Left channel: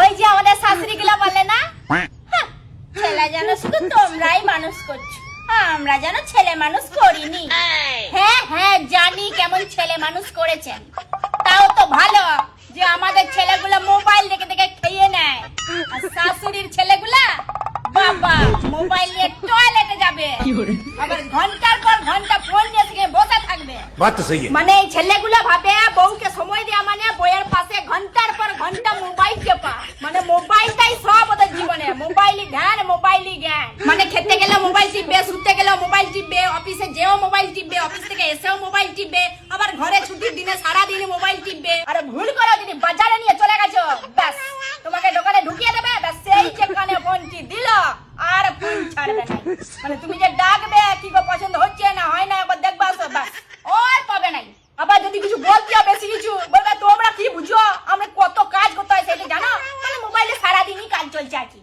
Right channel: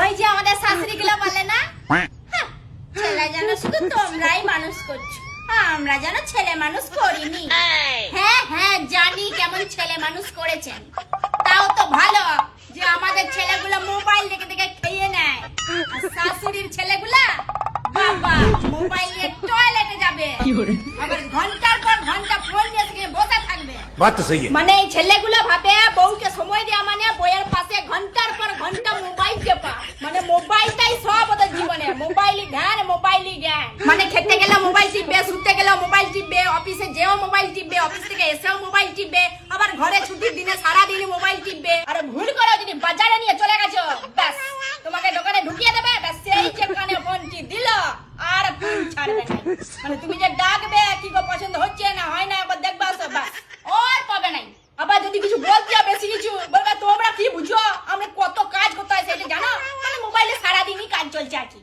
ওই যে আমাদের শাশুড়ি গুলো বলে না, ছেলে যেন শুধু তোমরাই মানুষ করছো, আমরা যেন ছেলে মানুষ করিনি। হ্যাঁ হ্যাঁ জানি কেমন ছেলে মানুষ করেছেন, তাও তো ভালো যে আমাদের ছেলেগুলো মোবাইল দেখে দেখে খেয়ে নেয়, আর শাশুড়ির ছেলেগুলা বাবা মোবাইল নিয়ে টয়লেটে যাবে, আবার ঘন্টার পর ঘন্টা ফোন নিয়ে থেকে বসে থাকবে। বাত তো সহি মানে এই ছেলেগুলো ভাবে বউকে সময় দেওয়া মানে বইয়ের পাশে ঘন্টার পর ঘন্টা মোবাইল টেপা, মানে মোবাইলটাই সব ওদের জীবনে, মোবাইলই ধ্যান মোবাইলই জ্ঞান। মানে খেতে গেলে মোবাইল টিপবে, শুতে গেলেও মোবাইল টিপবে, অফিসে যেও মোবাইল টিপবে, অফিস থেকে এসেও মোবাইল টিপবে, আবার ঘরে ছুটির দিনে সারাদিন মোবাইল টিপবে। আর ভুল করো যদি বাজারে নিয়ে চলে গেছো, ব্যাস তোমাকে দোকানে ঢুকিয়ে দেবে, ব্যাস সেই যেখানে ফোনটি দিল আর ফোন ছাড়বে না। মানে তুমি যে ডাকবে কি গো পছন্দ হচ্ছে না হয় না একবার দেখবা তো, ব্যাস আর পাবে নাই। আবার যদি কিছু বলতে হবে বেশি কিছু বলবে, তোমরা কি বুঝো আমি কত কাজ করতে হয় সেটা জানো, মানে মোবাইলে সারাদিনই কাজ চলছে আর কি।